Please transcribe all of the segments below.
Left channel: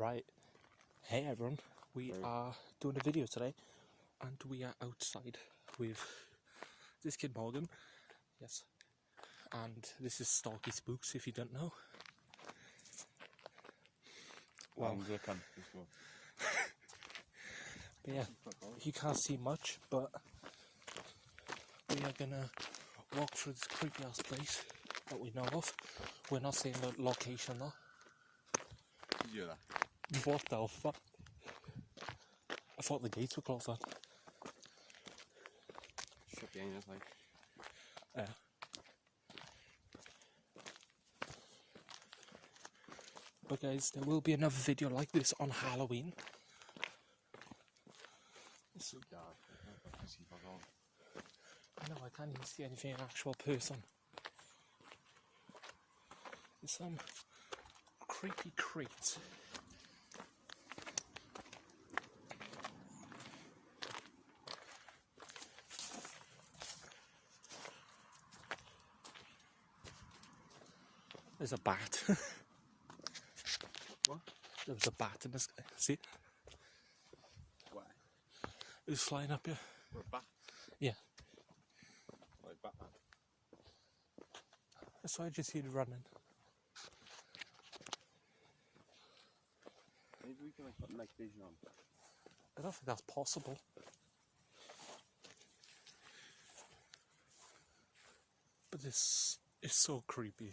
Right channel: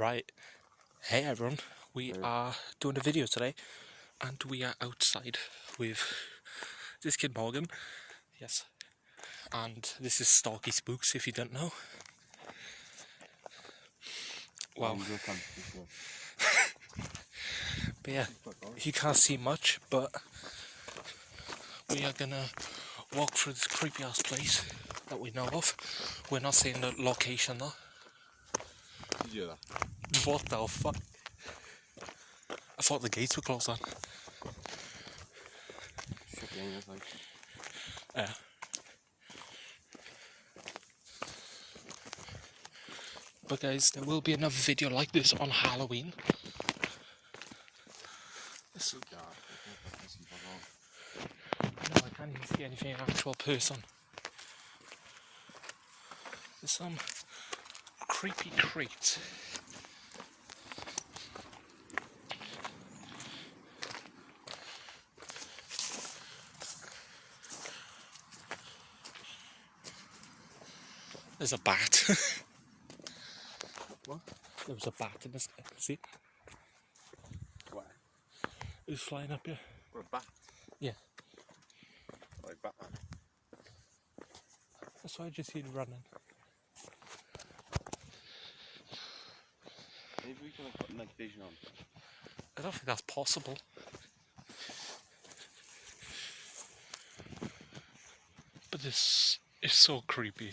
Right, hey everyone, we are doing a video today and we are outside with this kid Morgan, yes, and this is stalkyspooks if you don't know. Wow. But yeah, you can't see much, but we are gonna walk through this creepy ass place that we know of. We're not saying the location though. Yeah. What the fuck? I thought the gates were closed on. Yeah. But guys, there will be another video like this on Halloween. I can't even see anything actual person. There's some creepy crates. There's a bat. What? There was a bat in this. See? Where? It was flying up here. What, a bat? Yeah. Like Batman? That's why I just see it running. Maybe we can put night vision on. I don't think that's possible. But this is so creepy.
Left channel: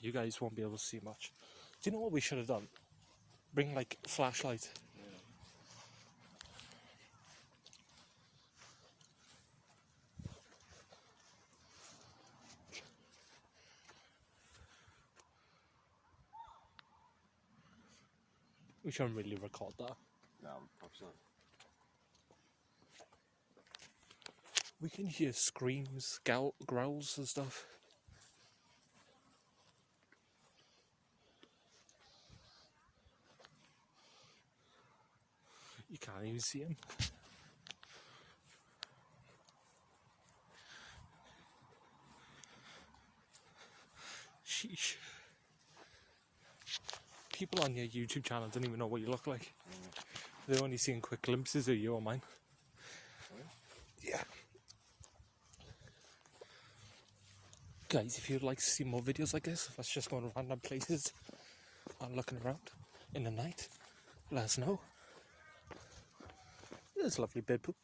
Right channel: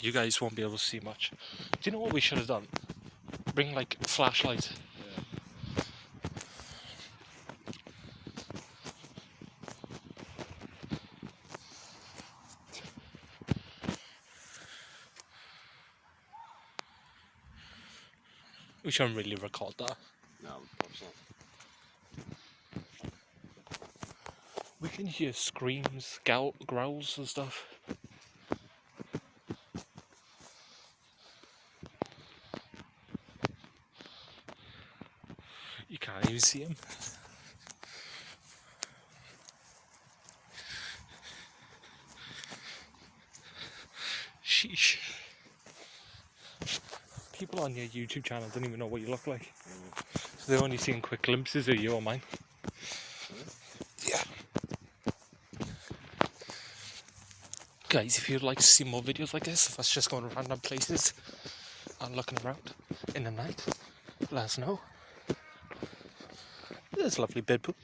You guys won't be able to see much. Do you know what we should have done? Bring like a flashlight. Yeah. We shouldn't really record that. No, probably not. We can hear screams, growls and stuff. You can't even see him. Sheesh. People on your YouTube channel don't even know what you look like. So they're only seeing quick glimpses of you or mine. Yeah. Guys, if you'd like to see more videos like this, of us just going to random places and looking around in the night, let us know. There's lovely bed poop.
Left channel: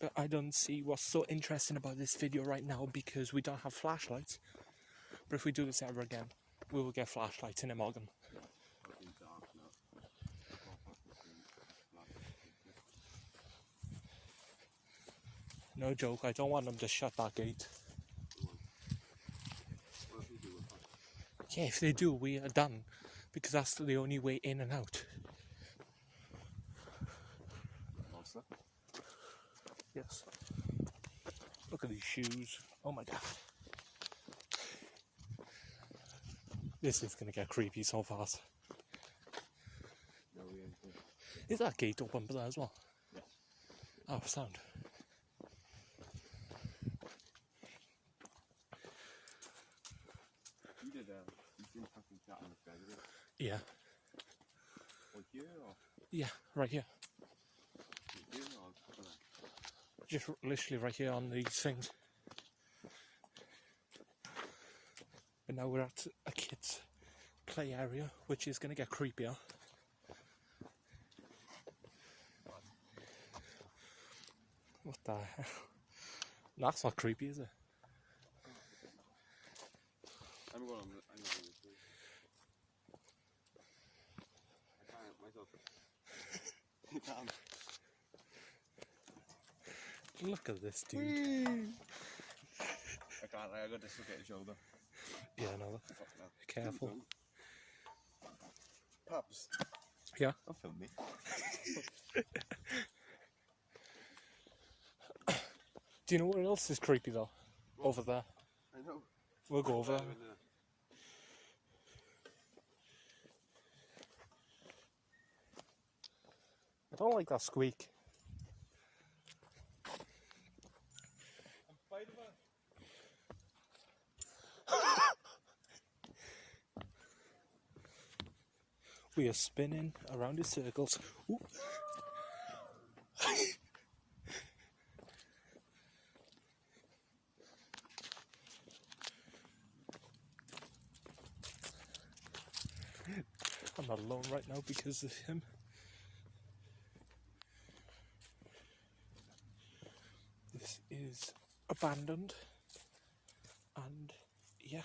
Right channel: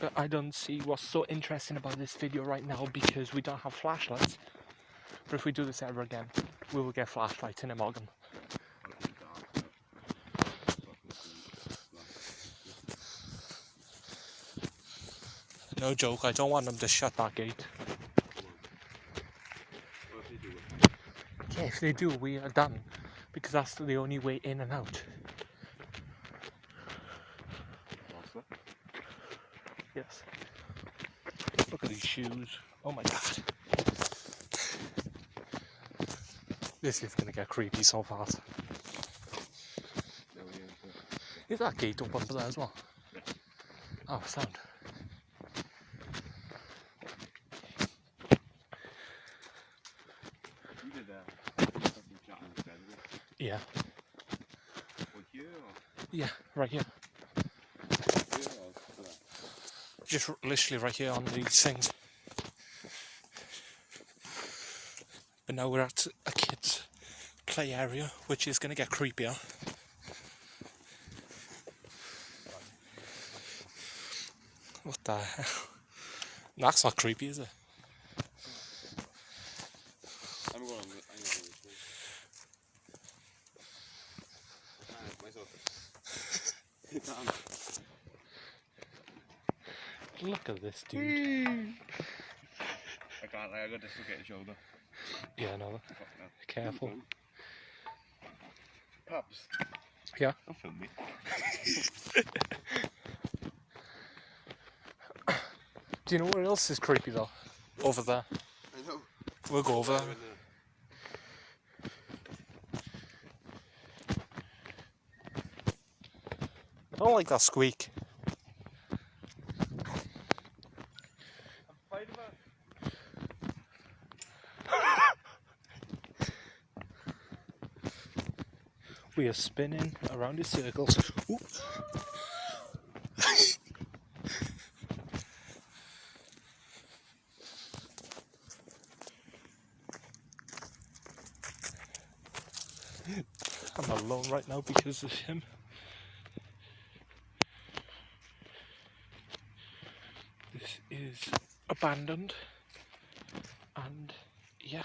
But I don't see what's so interesting about this video right now because we don't have flashlights. But if we do this ever again, we will get flashlights in a Morgan. No joke, I don't want them to shut that gate. Yeah, if they do, we are done. Because that's the only way in and out. Yes. Look at these shoes. Oh my god. This is gonna get creepy so fast. Is that gate open there as well? Oh, sound. Yeah. Yeah, right here. Just literally right here on these things. But now we're at a kid's play area, which is going to get creepier. What the hell? That's not creepy, is it? Look at this dude. I can't, I got this look at his shoulder. Yeah, no. Careful. Pops. Yeah? Don't film me. Do you know where else is creepy though? Over there. I know. We'll go over. I don't like that squeak. We are spinning around in circles. Ooh. I'm alone right now because of him. This is abandoned, and yeah.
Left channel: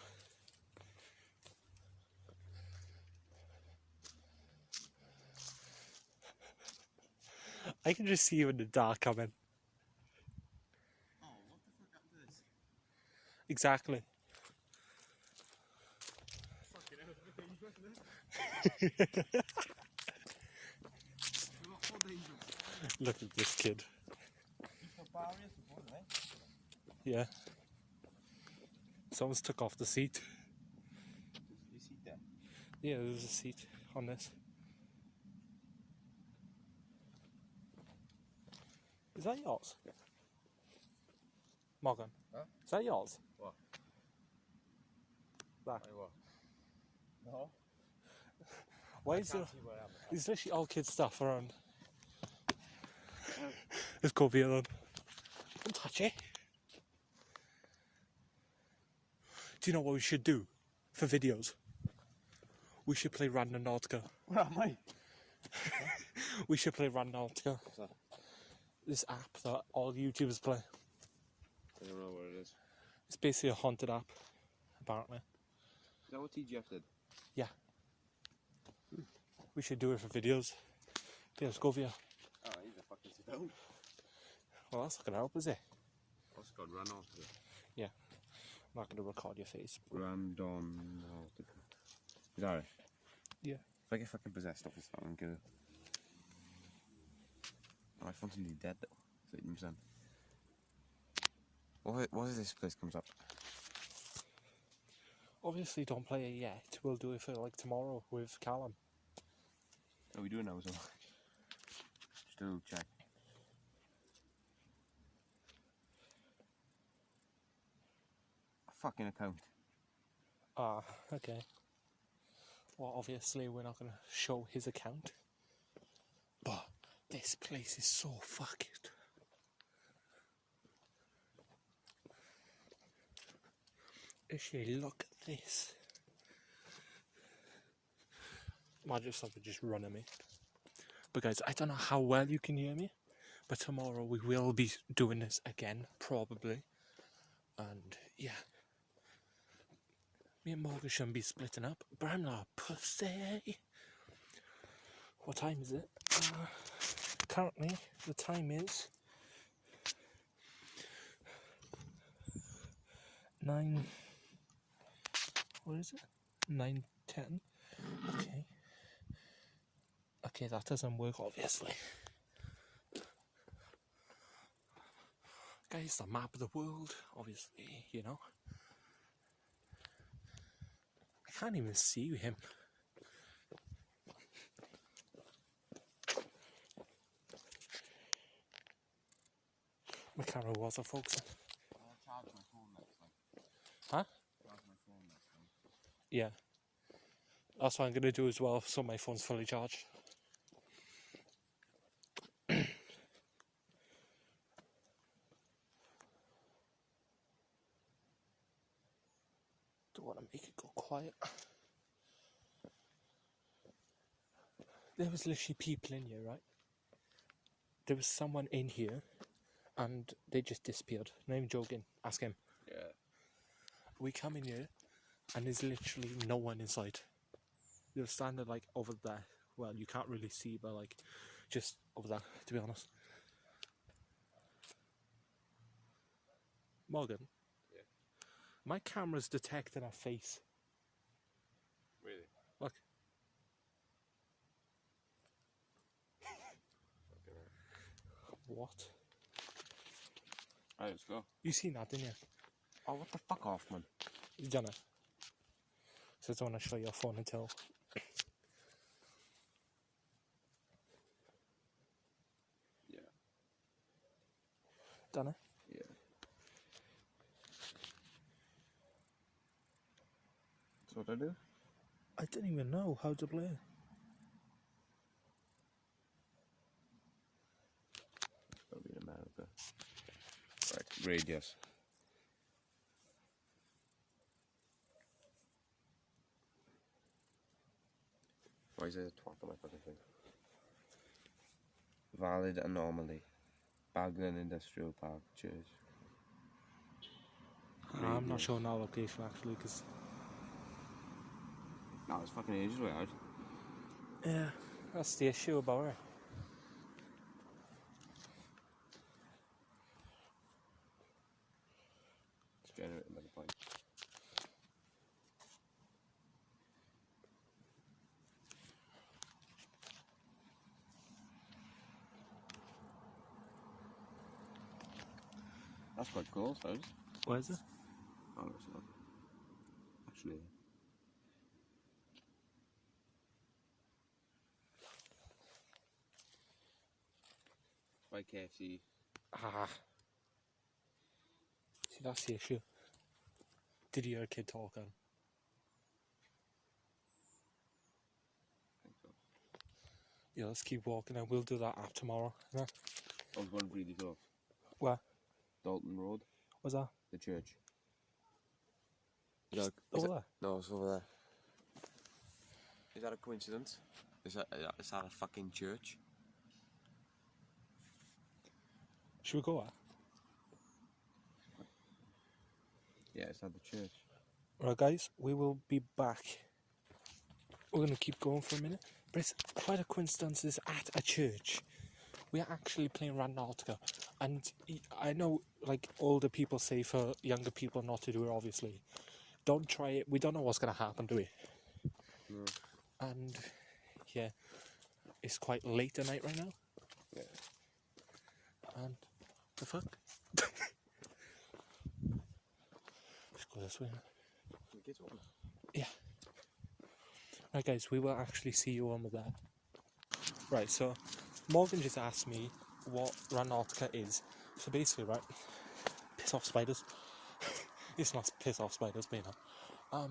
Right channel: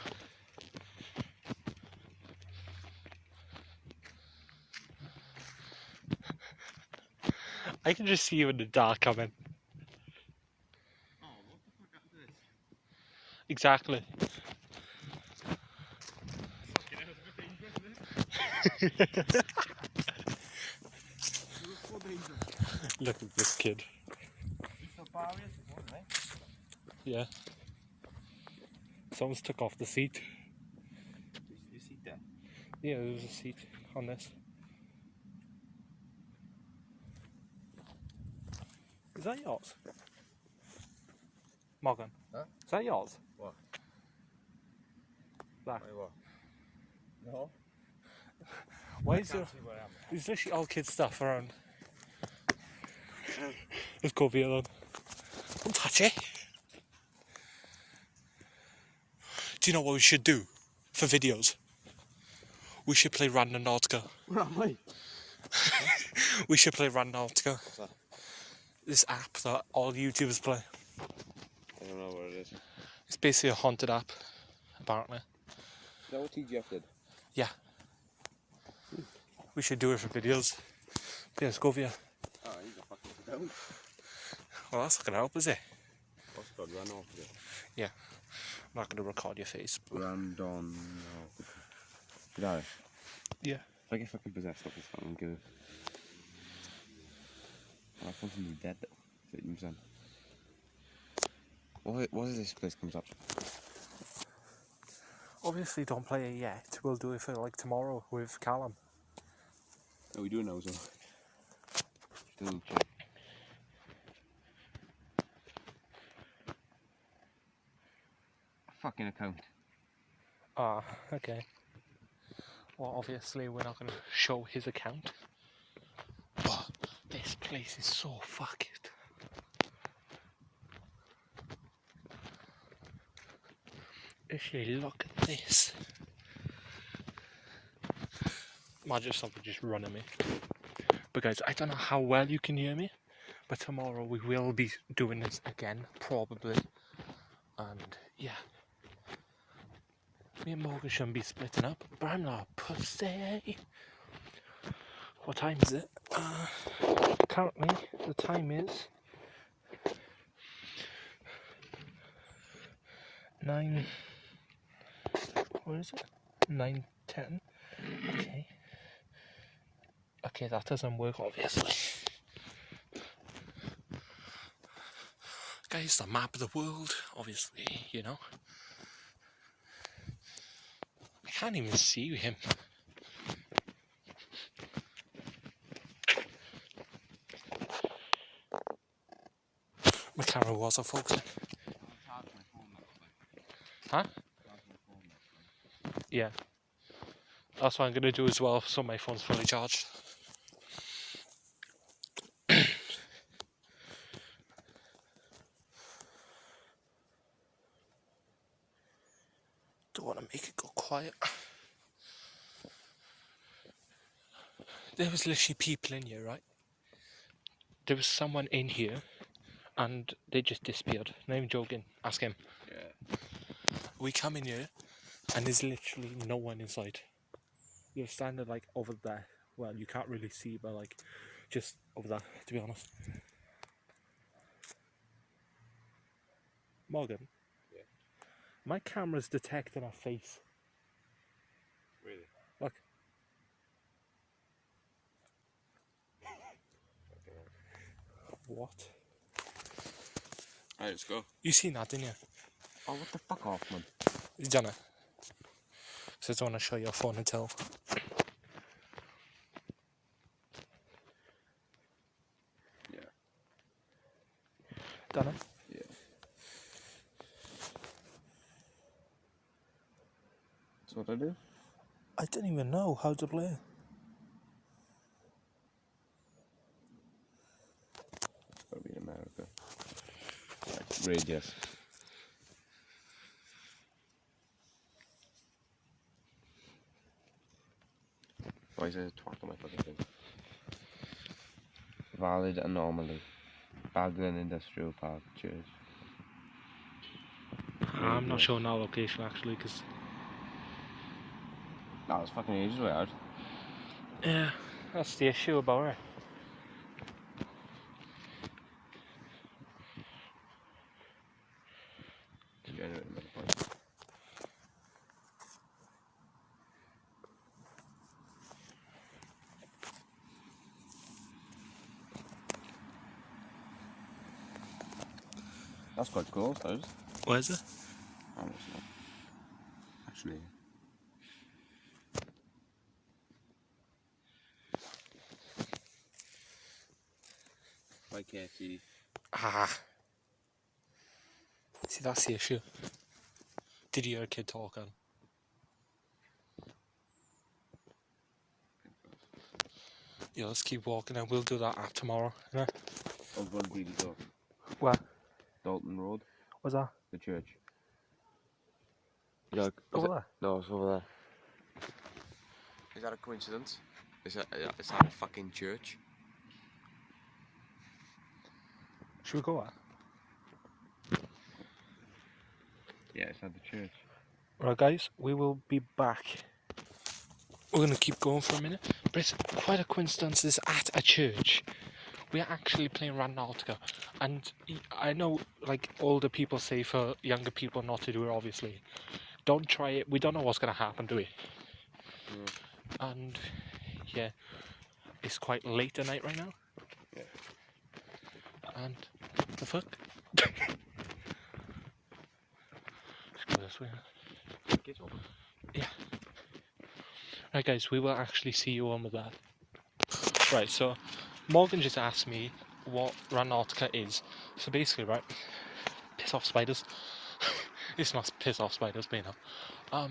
I can just see you in the dark coming. Oh, what the fuck happened to this? Exactly. Look at this kid. Yeah. Someone's took off the seat. You see that? Yeah, there's a seat on this. Is that yours? Morgan? Huh? Is that yours? What? Black. Wait, what? No. Why is there... There's literally all kids' stuff around. Let's go via them. Don't touch it. Do you know what we should do for videos? We should play Randonautica. Where am I? We should play Randonautica. What's that? This app that all YouTubers play. I don't know what it is. It's basically a haunted app, apparently. Is that what TGF did? Yeah. We should do it for videos. Yeah, let's go via. Oh, he's a fucking sit down. Well, that's not going to help, is it? What's it called? Randonautica. Yeah. I'm not going to record your face. Randonautica. You know, Yeah. if I get fucking possessed off this phone, I'm good. My phone's gonna be dead though. 30%. What is this place comes up? Obviously, don't play it yet. We'll do it for like tomorrow with Callum. Oh, we do it now as well. Still check. Fucking account. Ah, okay. Well, obviously, we're not going to show his account. But this place is so fucked. Actually, look at this. Imagine if something just running me. But guys, I don't know how well you can hear me, but tomorrow we will be doing this again, probably. And yeah. Me and Morgan shouldn't be splitting up, but I'm not a pussy. What time is it? Currently, the time is 9. What is it? 9:10. Okay. Okay, that doesn't work, obviously. Guys, the map of the world, obviously, you know. I can't even see him. My camera wasn't focusing. Huh? Yeah. That's what I'm going to do as well, so my phone's fully charged. Don't want to make it go quiet. There was literally people in here, right? There was someone in here and they just disappeared. Not even joking. Ask him. Yeah. We come in here and there's literally no one inside. You're standing like over there. Well, you can't really see, but like just over there, to be honest. Morgan? Yeah. My camera's detecting a face. Really? Look. What? Alright, let's go. You seen that, didn't you? Oh, what the fuck off, man? You done it? So I don't want to show your phone until. Yeah. Done it? Yeah. That's what I do? I didn't even know how to play. outrageous. Why is there a twat on my fucking thing? Valid anomaly. Bagland Industrial Park, Church. I'm not showing our location actually, because... That was fucking ages away out. Yeah, that's the issue about it. Degenerate another point. That's quite cool, I suppose. Where is it? Oh, it's not. Actually. Why can't see? Ah. See, that's the issue. Did you hear a kid talking? Yeah, let's keep walking and we'll do that at tomorrow. Yeah. I was going to really go. Where? Dalton Road. What's that? The church. Over there? No, it's over there. Is that a coincidence? Is that a fucking church? Should we go there? Yeah, it's not the church. Right guys, we will be back. We're going to keep going for a minute. But it's quite a coincidence, it's at a church. We're actually playing Randonautica. And I know, like, older people say for younger people not to do it, obviously. Don't try it. We don't know what's going to happen, do we? Yeah. And, yeah, it's quite late at night right now. Yeah. And, the fuck? Let's go this way. Get open. Yeah. Right guys, we will actually see you on with that. Right, so Morgan just asked me what Randonautica is. So basically, right, piss off spiders. It's not piss off spiders, but you know.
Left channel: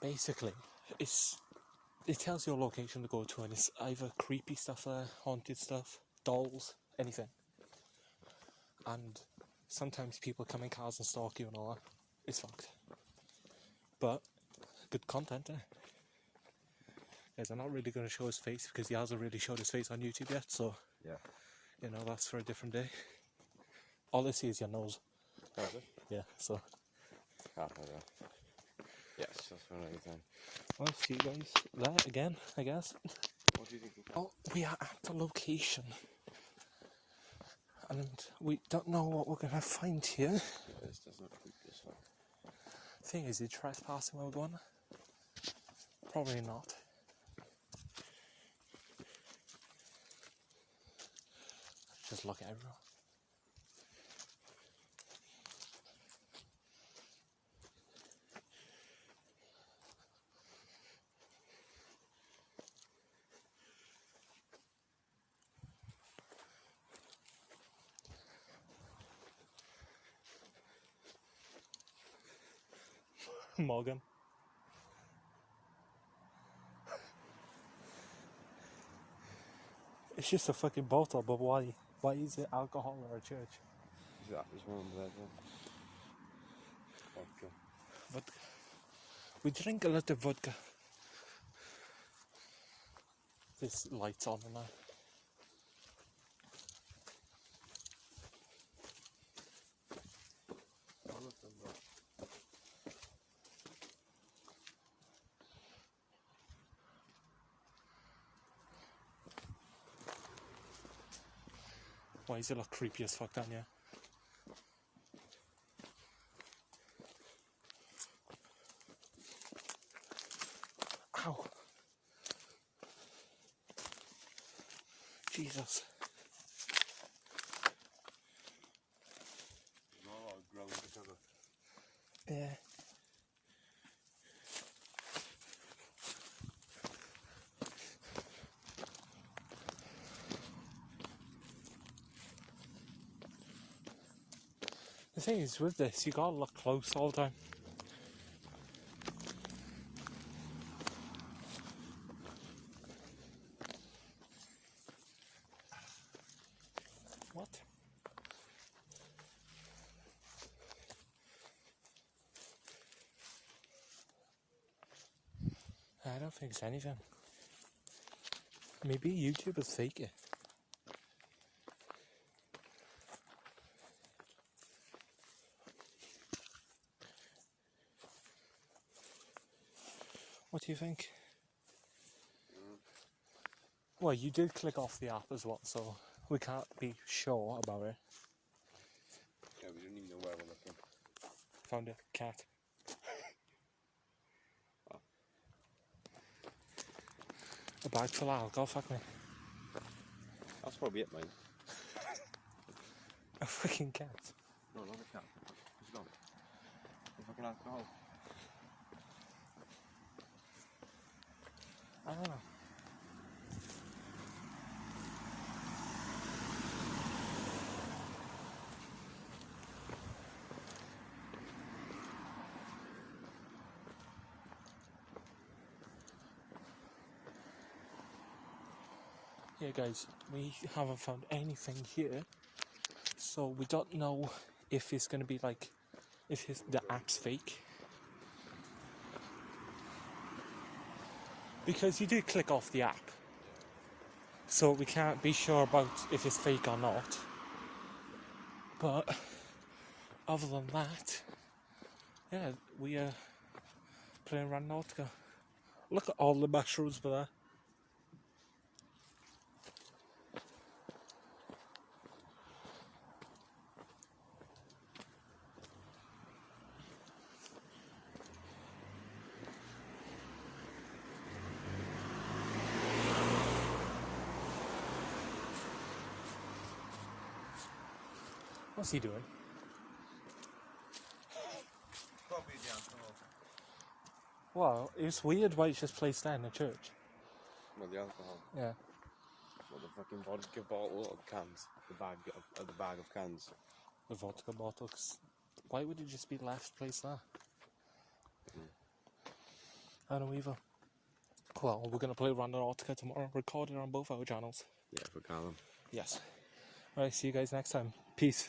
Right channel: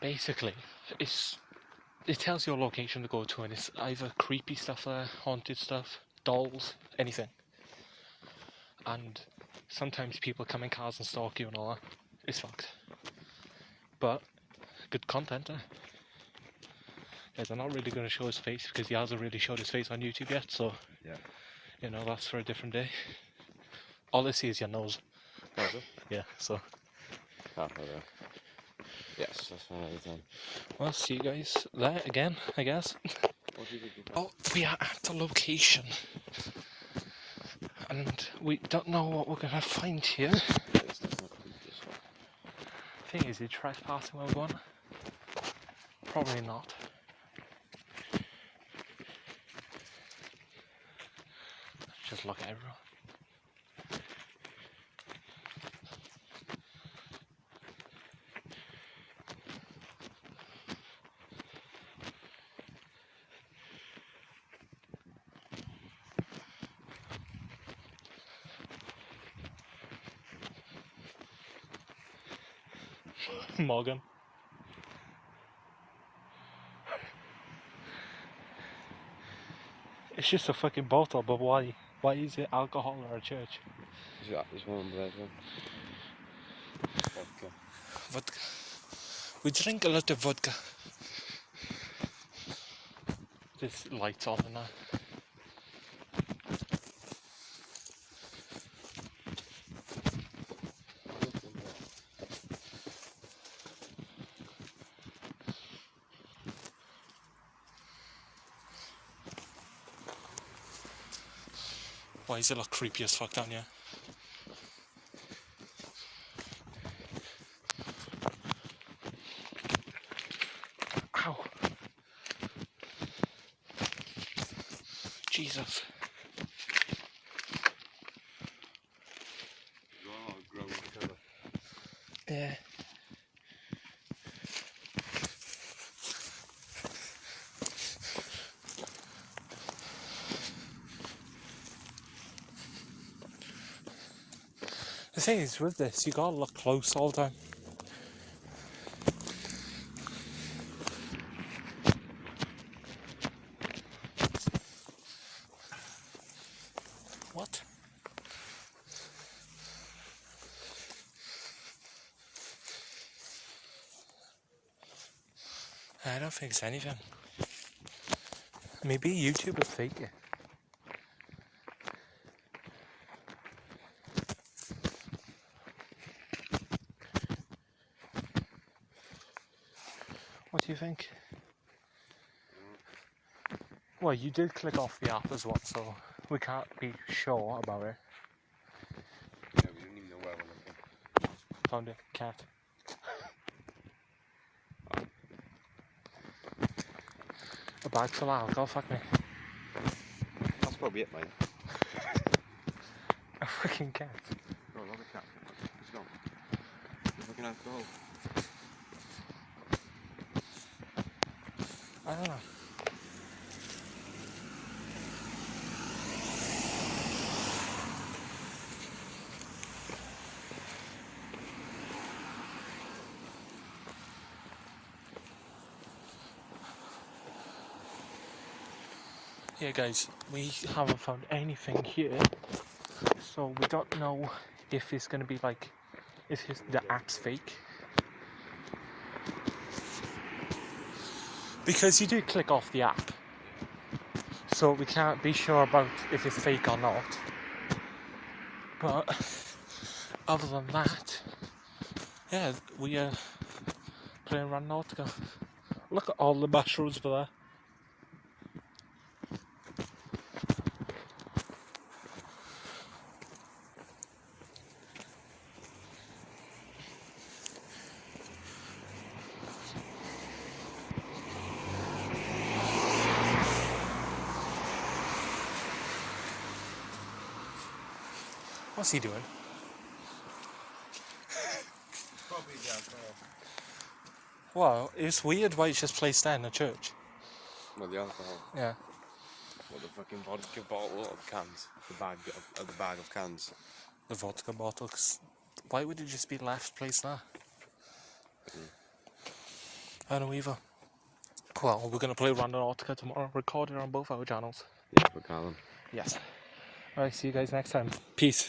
Basically, it tells your location to go to, and it's either creepy stuff there, haunted stuff, dolls, anything. And sometimes people come in cars and stalk you and all that. It's fucked. But good content, eh? Guys, I'm not really going to show his face because he hasn't really showed his face on YouTube yet, so yeah, you know, that's for a different day. All I see is your nose. That's it? Yeah, so. Oh, okay. Yes, that's fine. Anytime. Well, see you guys there again, I guess. What do you think? Oh, we are at the location. And we don't know what we're going to find here. Thing is he trespassing while we're going? Probably not. Just look at everyone. Morgan. It's just a fucking bottle, but why? Why is it alcohol or a church? There's one on the right one. Vodka. Vodka. We drink a lot of vodka. This light's on and that. Why is it look creepy as fuck down here? Ow! Jesus. Yeah. The thing is with this, you gotta look close all the time. What? don't think it's anything. Maybe YouTube will fake it. What do you think? Well, you did click off the app as well, so we can't be sure about it. Yeah, we don't even know where we're looking. Found it. Cat. A bag full of alcohol, fuck me. That's probably it, mate. A fucking cat. No, not a cat. It's not. It's fucking alcohol. I don't know. Yeah guys, we haven't found anything here, so we don't know if it's gonna be like, if the app's fake. Because you do click off the app, so we can't be sure about if it's fake or not. But other than that, yeah, we are playing Randonautica. Look at all the mushrooms below. What's he doing? Probably the alcohol. Well, it's weird why it's just placed there in the church. No, the alcohol. Yeah. What, the fucking vodka bottle of cans? The bag of cans. The vodka bottles. Why would it just be left placed there? I don't know either. Well, we're going to play Randonautica tomorrow, record it on both our channels. Yeah, for Callum. Yes. Alright, see you guys next time. Peace.